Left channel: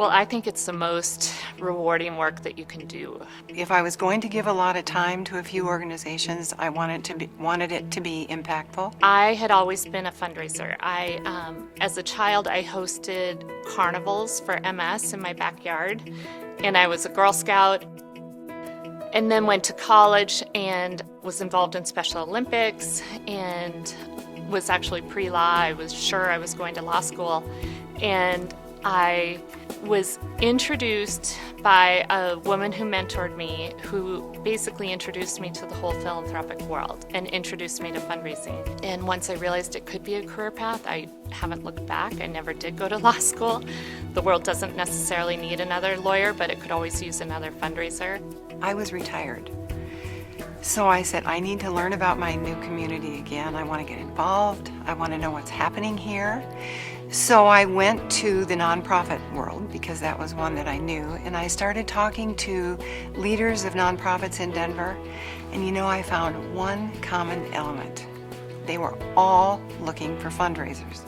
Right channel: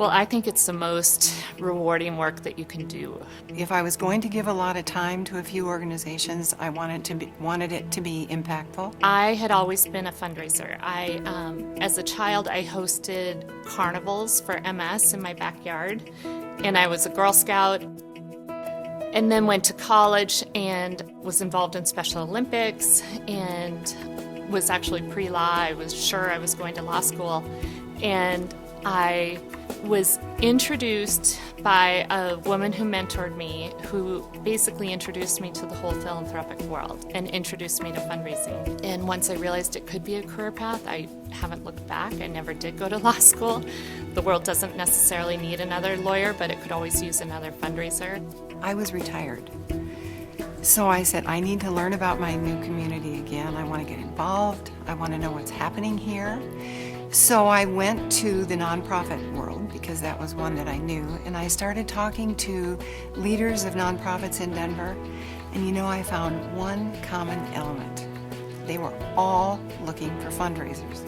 Well, I think it's the most rewarding work that you can do. If I was going to give a lot of time to a few organizations, I wanted it to be impactful. I had always been a fundraiser. As a child, I hosted carnivals for MS in my backyard, and I was a Girl Scout. And then went to college and was involved in Special Olympics and was actually pre-law. I was sure I was going to law school. And I was introduced by a woman who mentored me, who basically introduced me to the whole philanthropic world and introduced me to fundraising. And once I realized it could be a career path, I haven't looked back. I never did go to law school. The world doesn't necessarily need another lawyer, but it could always use another fundraiser. I was retired. So I said, I need to learn about my new community again. I want to get involved. I want to know what's happening here. So I went to the nonprofit world because that was one that I knew, and I started talking to leaders of nonprofits in Denver, and I found one common element. They were all looking for fundraisers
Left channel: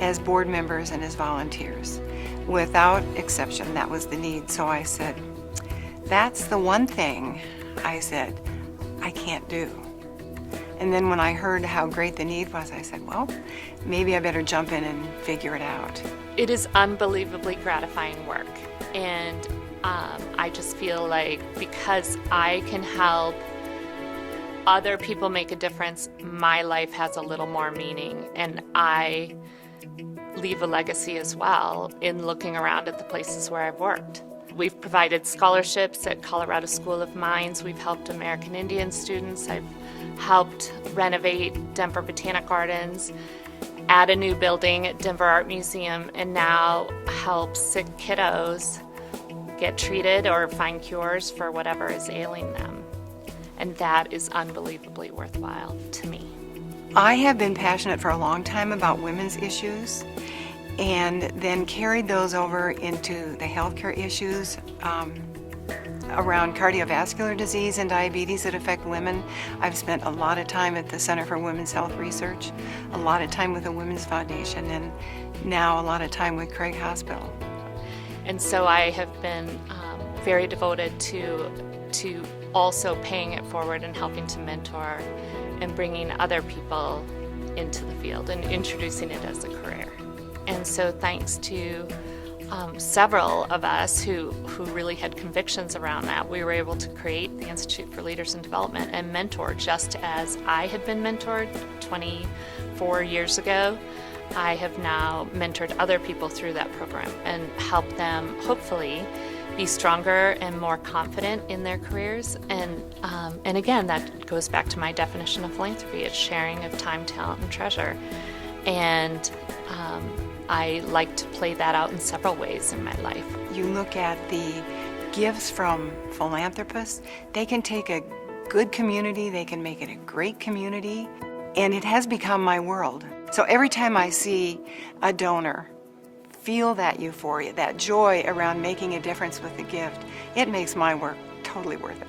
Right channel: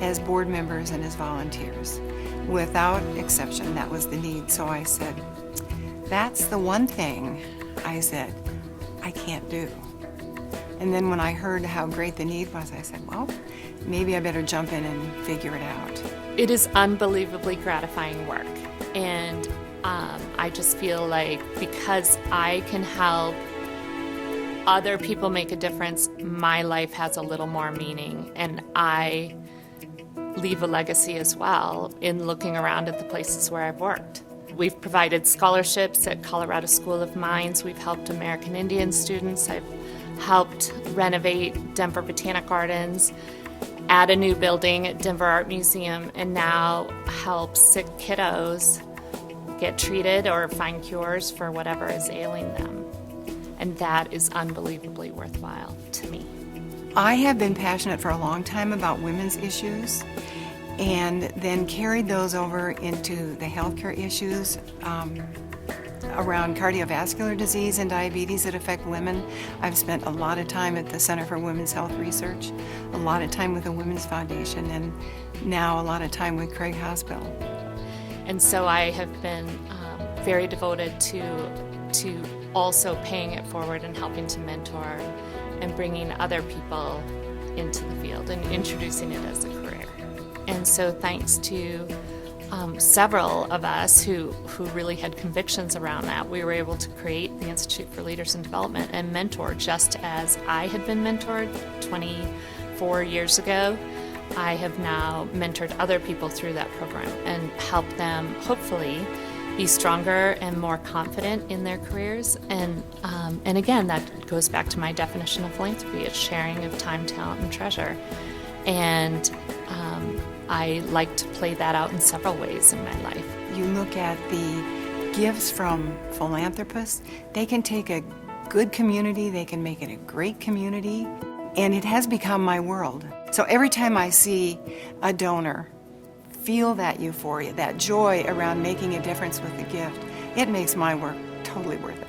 as board members and as volunteers. Without exception, that was the need. So I said, that's the one thing I said I can't do. And then when I heard how great the need was, I said, well, maybe I better jump in and figure it out. It is unbelievably gratifying work. And I just feel like because I can help other people make a difference, my life has a little more meaning. And I leave a legacy as well in looking around at the places where I've worked. We've provided scholarships at Colorado School of Mines. We've helped American Indian students. I've helped renovate Denver Botanic Gardens, add a new building at Denver Art Museum, and now help sick kiddos get treated or find cures for whatever is ailing them. And that is unbelievably worthwhile to me. I have been passionate for a long time about women's issues, and then carried those over into the healthcare issues around cardiovascular disease and diabetes that affect women. I've spent a lot of time at the Center for Women's Health Research, a lot of time with the Women's Foundation, and now a lot of time with Craig Hospital. And so I have been very devoted to also paying it forward and helping to mentor and bringing other people into the field and introducing it as a career. And so thanks to several of us who really had convictions around that, we were able to create the Institute for Leaders in Development and mentor just as I had been mentored 24 years ago. I have now mentored other people through that program and helped them hopefully be stronger and more confident in their careers. And again, that goes back to my definition of philanthropy. It's sharing of time, talent, and treasure. And I like to play that out in several ways in my life. You look at the gifts from philanthropists, they can take a good community, they can make it a great community, and it has become my world. So every time I see a donor feel that euphoria, that joy around making a difference with the gift, it makes my work totally worth it.